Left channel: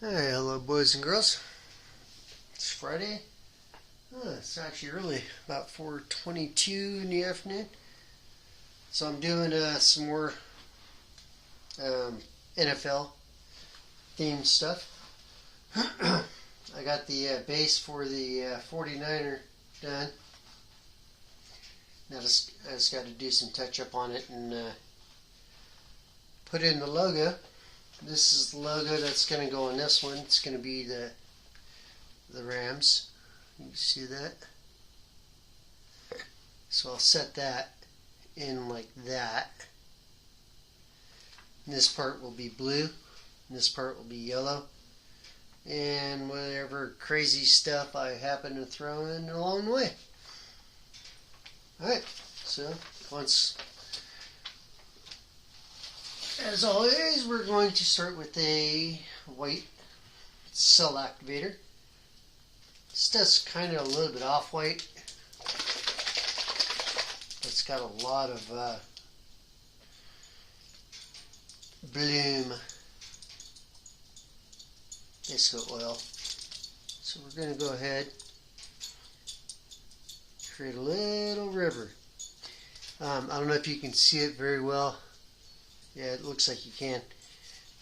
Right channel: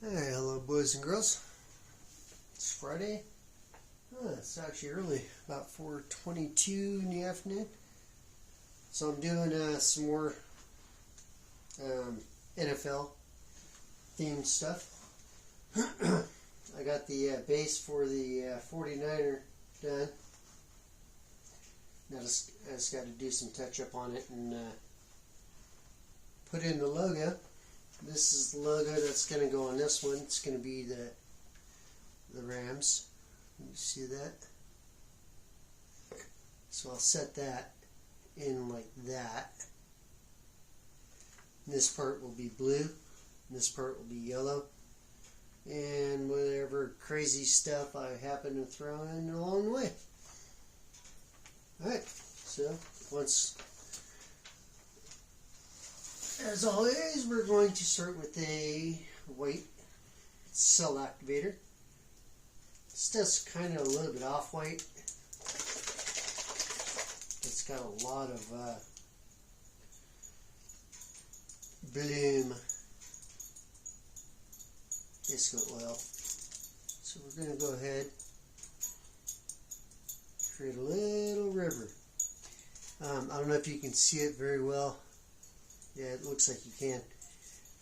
Hey, hello, boys and girls. It's Friday. It's actually early, about 4:22 in the afternoon. So I'm doing some more NFL themed stuff. I got the base for the 49er done. Now I just got to do some touch up on it and put in the logo. This is the logo that's going to go on this one. It's going to be the Rams. You see that? So I'll set that in like that. And this part will be blue. And this part will be yellow. And whatever crazy stuff I happen to throw in along the way. Alright, so as always, we're going to start with a white cell activator. This does kind of a little bit off-white. It's got a lot of bloom disco oil. So we're going to go ahead, create a little river. I don't know if you can see it very well. Yeah, it looks like you can.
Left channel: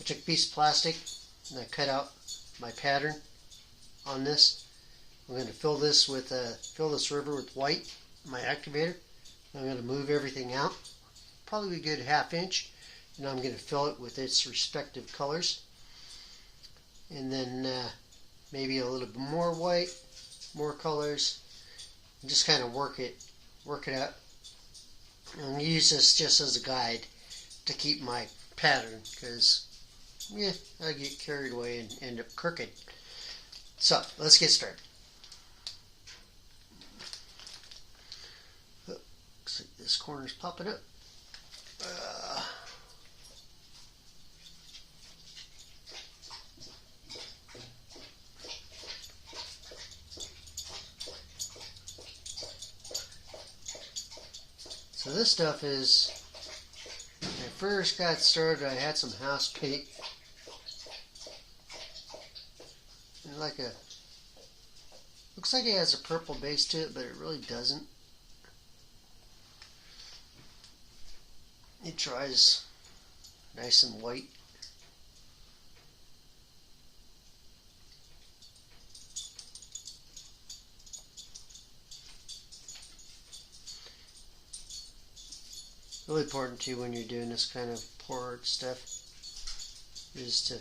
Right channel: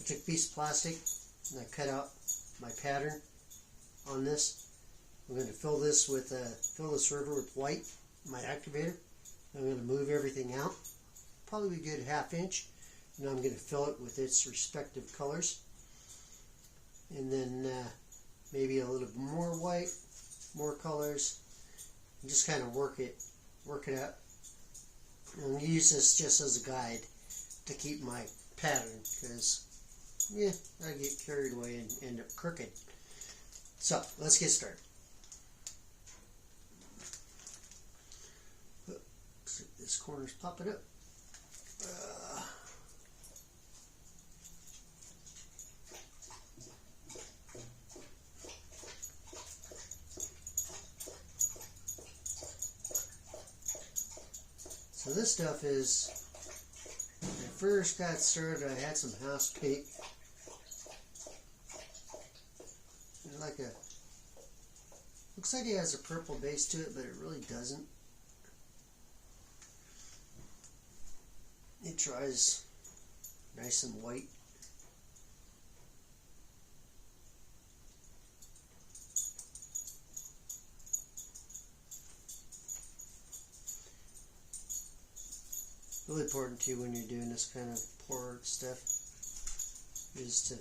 I took a piece of plastic and I cut out my pattern on this. I'm going to fill this river with white, my activator. I'm going to move everything out, probably a good ½ inch, and I'm going to fill it with its respective colors. And then maybe a little bit more white, more colors, and just kind of work it out. And use this just as a guide to keep my pattern, because yeah, I get carried away and end up crooked. So let's get started. Looks like this corner's popping up. So this stuff is, when I first got started, I had some house paint. And looks like it has a purple base to it, but it really doesn't. It dries nice and white. Really important too when you're doing this kind of pour art stuff is to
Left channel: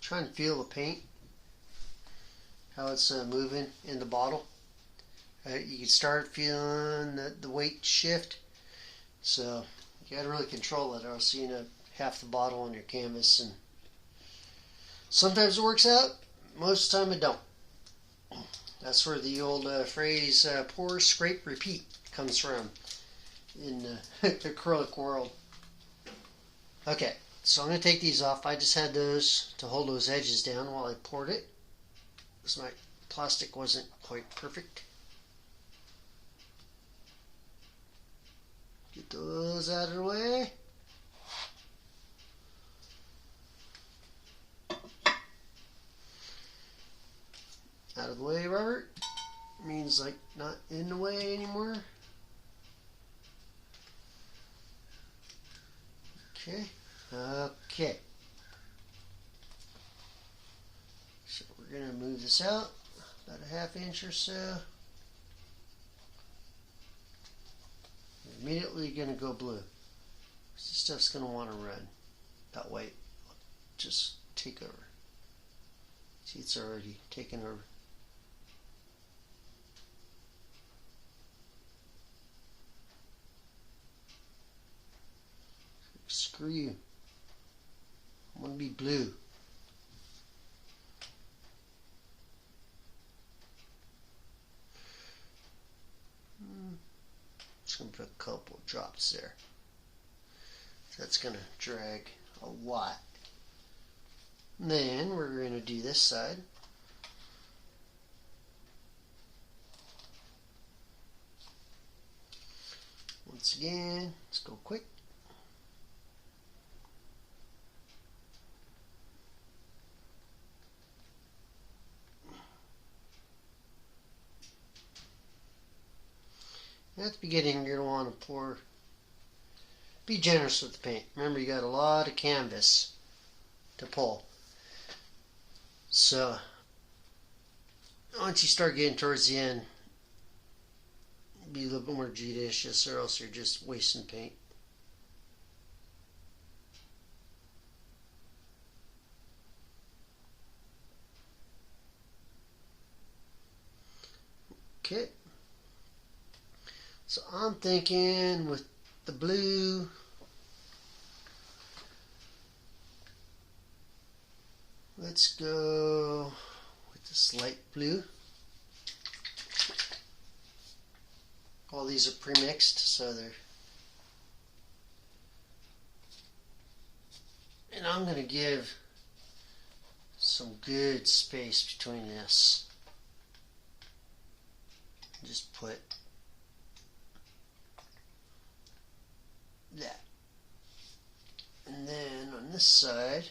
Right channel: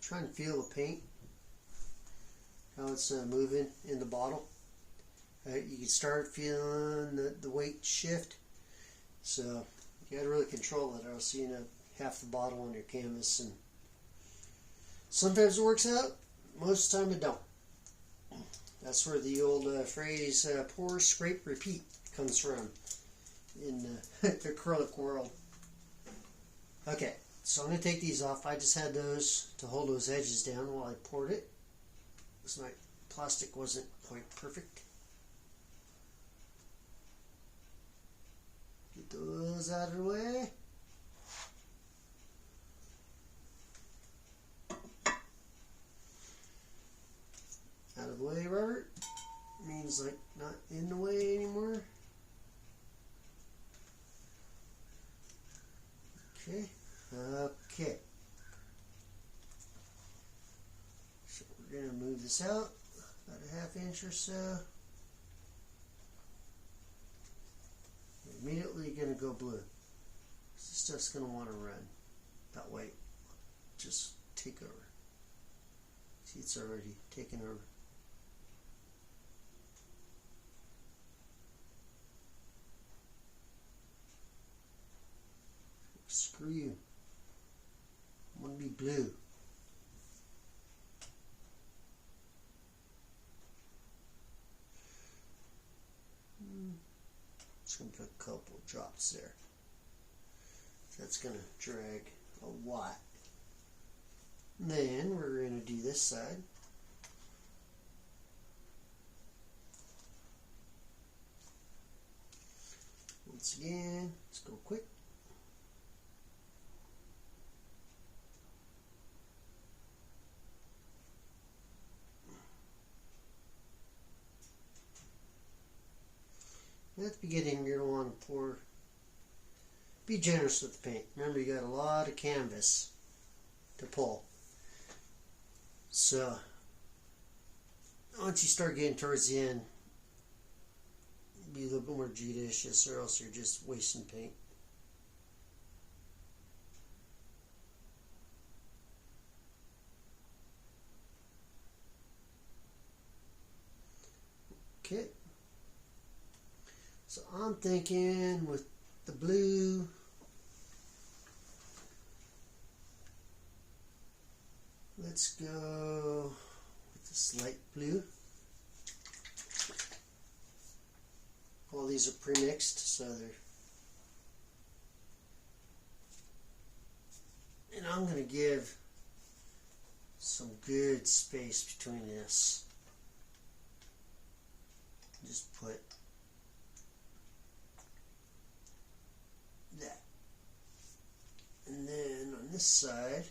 try and feel the paint, how it's moving in the bottle. You can start feeling the weight shift, so you got to really control it, or else you end up half the bottle on your canvas. And sometimes it works out, most of the time it don't. That's where the old phrase pour, scrape, repeat comes from in the acrylic world. Okay, so I'm going to take these off. I just had those to hold those edges down while I poured it, because my plastic wasn't quite perfect. Get those out of the way. Out of the way, Robert. Means like not in the way anymore. Okay. So we're going to move this out about a ½ inch or so. We're immediately going to go blue. This stuff's going to want to run. That way, just take over. See, it's already taken over. Screw you. I want to be blue. Just going to put a couple drops there. So that's going to drag a lot. Then we're going to do this side. Once again, let's go quick. At the beginning, you're going to want to pour. Be generous with the paint. Remember, you got a lot of canvas to pull. So, once you start getting towards the end, be a little bit more judicious, or else you're just wasting paint. Okay. So I'm thinking with the blue, let's go with this light blue. All these are pre-mixed, so they're... And I'm going to give some good space between this. Just put that. And then on this side,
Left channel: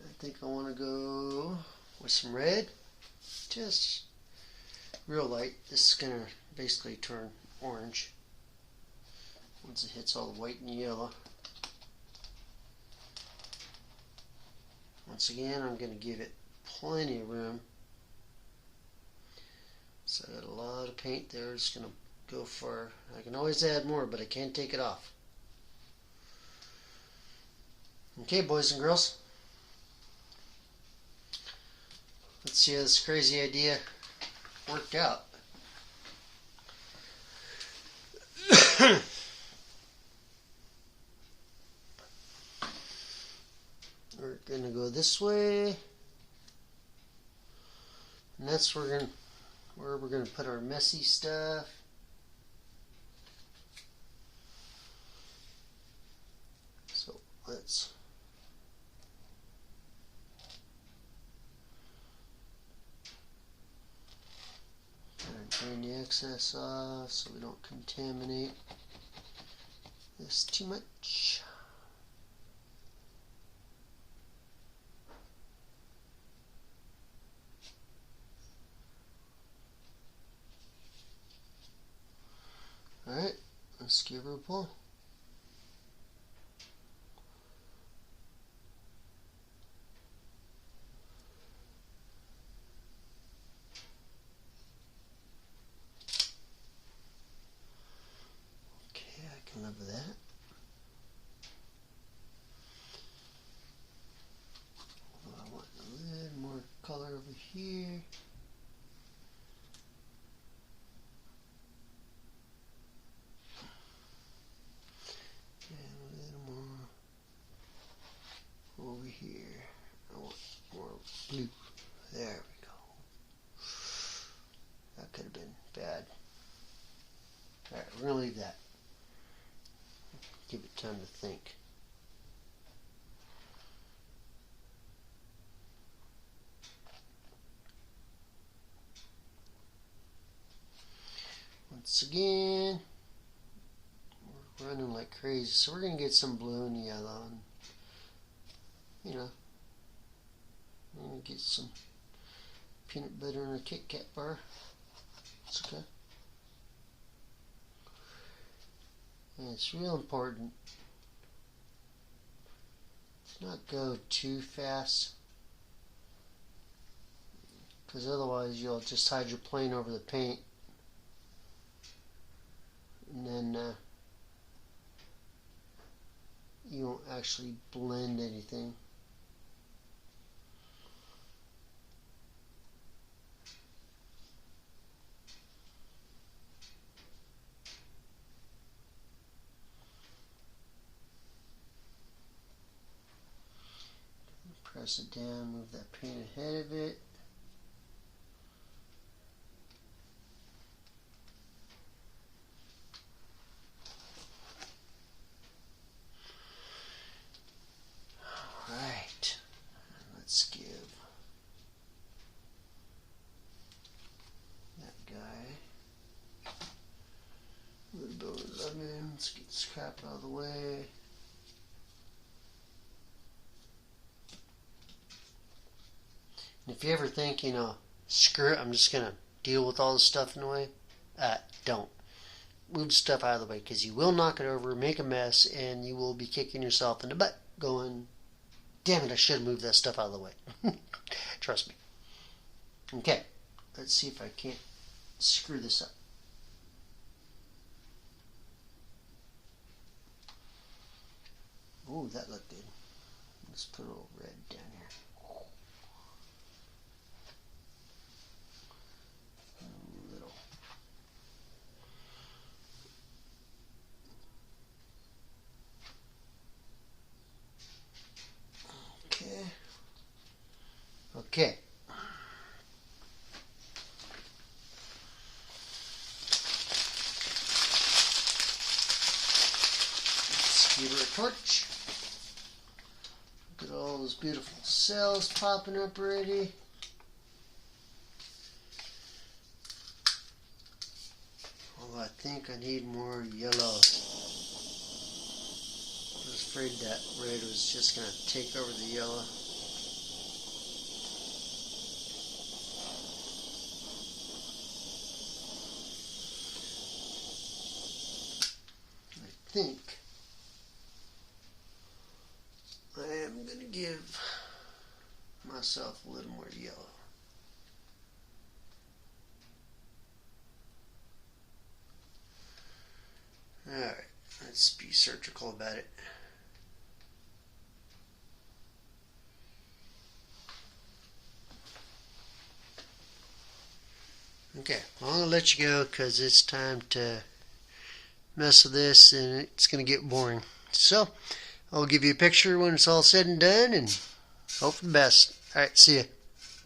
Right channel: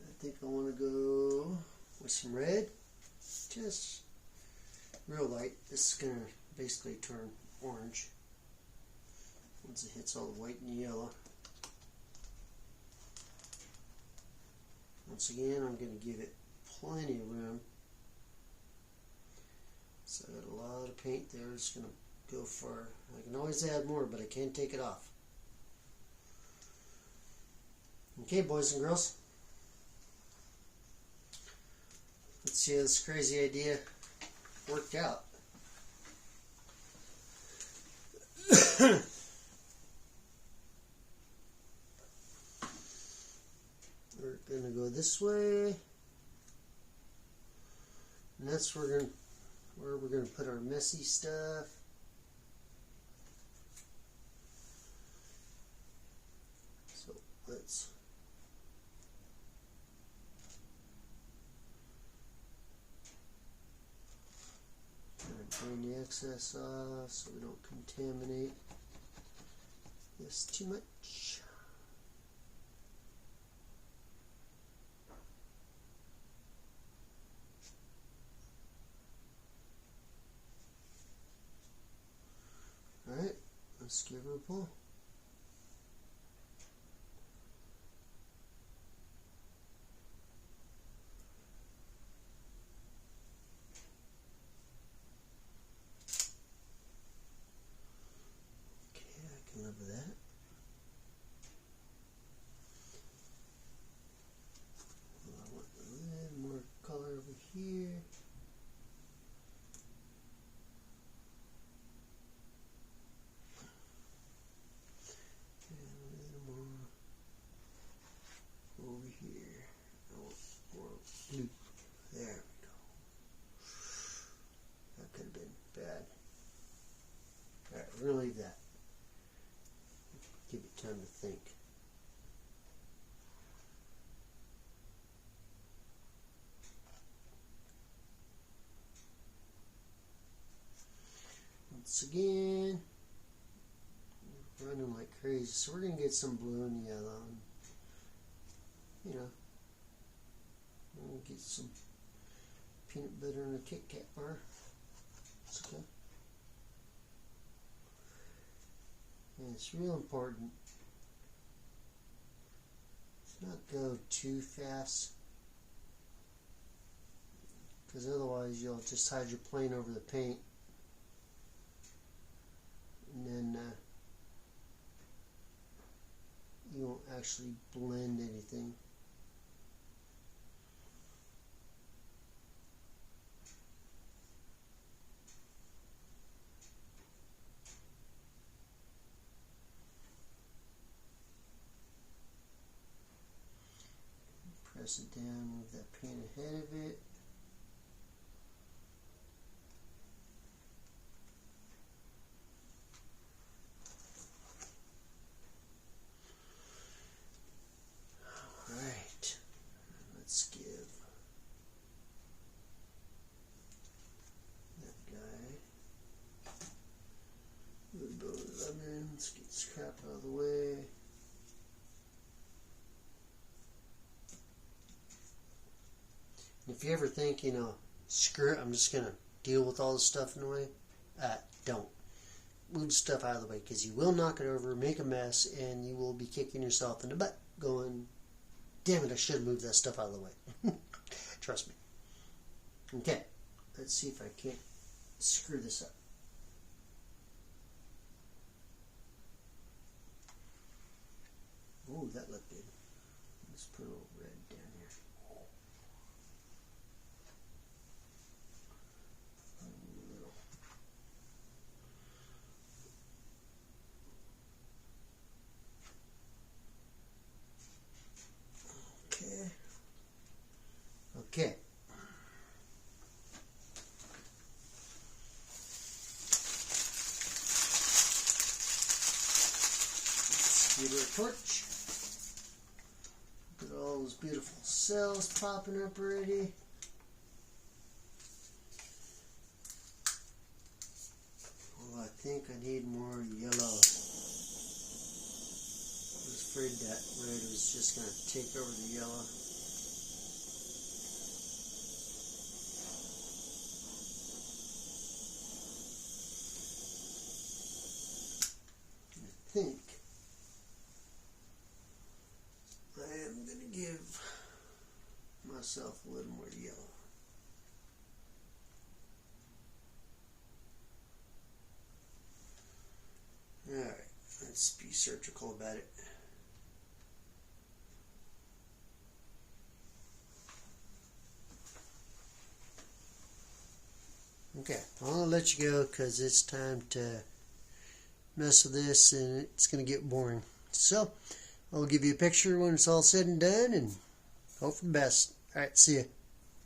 I think I want to go with some red. Just real light. This is going to basically turn orange once it hits all the white and yellow. Once again, I'm going to give it plenty of room. So I got a lot of paint there. It's going to go far. I can always add more, but I can't take it off. Okay, boys and girls. Let's see how this crazy idea worked out. We're going to go this way. And that's where we're going to put our messy stuff. So let's drain the excess off so we don't contaminate this too much. Alright, let's give her a pull. Okay, I can live with that. I want a little more color over here. Over here, I want more blue. There we go. That could have been bad. Alright, we're going to leave that. Give it time to think. Once again, we're running like crazy, so we're going to get some blue and yellow. And, you know, I'm going to get some peanut butter in a Kit Kat bar. It's okay. And it's real important to not go too fast, because otherwise you'll just hydroplane over the paint, and then you won't actually blend anything. Press it down, move that paint ahead of it. Alright, let's give that guy a little bit of lemon. Let's get this crap out of the way. And if you ever think, you know, screw it, I'm just going to deal with all the stuff in the way, don't. Move stuff out of the way, because you will knock it over, make a mess, and you will be kicking yourself in the butt going, damn it, I should have moved that stuff out of the way. Trust me. Okay, let's see if I can't screw this up. Oh, that looked good. Let's put a little red down here. A little. Okay. Okay. Let's give her a torch. Look at all those beautiful cells popping up already. Oh, I think I need more yellow. I was afraid that red was just going to take over the yellow. I think I am going to give myself a little more yellow. Alright, let's be surgical about it. Okay, I'm going to let you go because it's time to mess with this and it's going to get boring. So, I'll give you a picture when it's all said and done and hope for the best. Alright, see ya.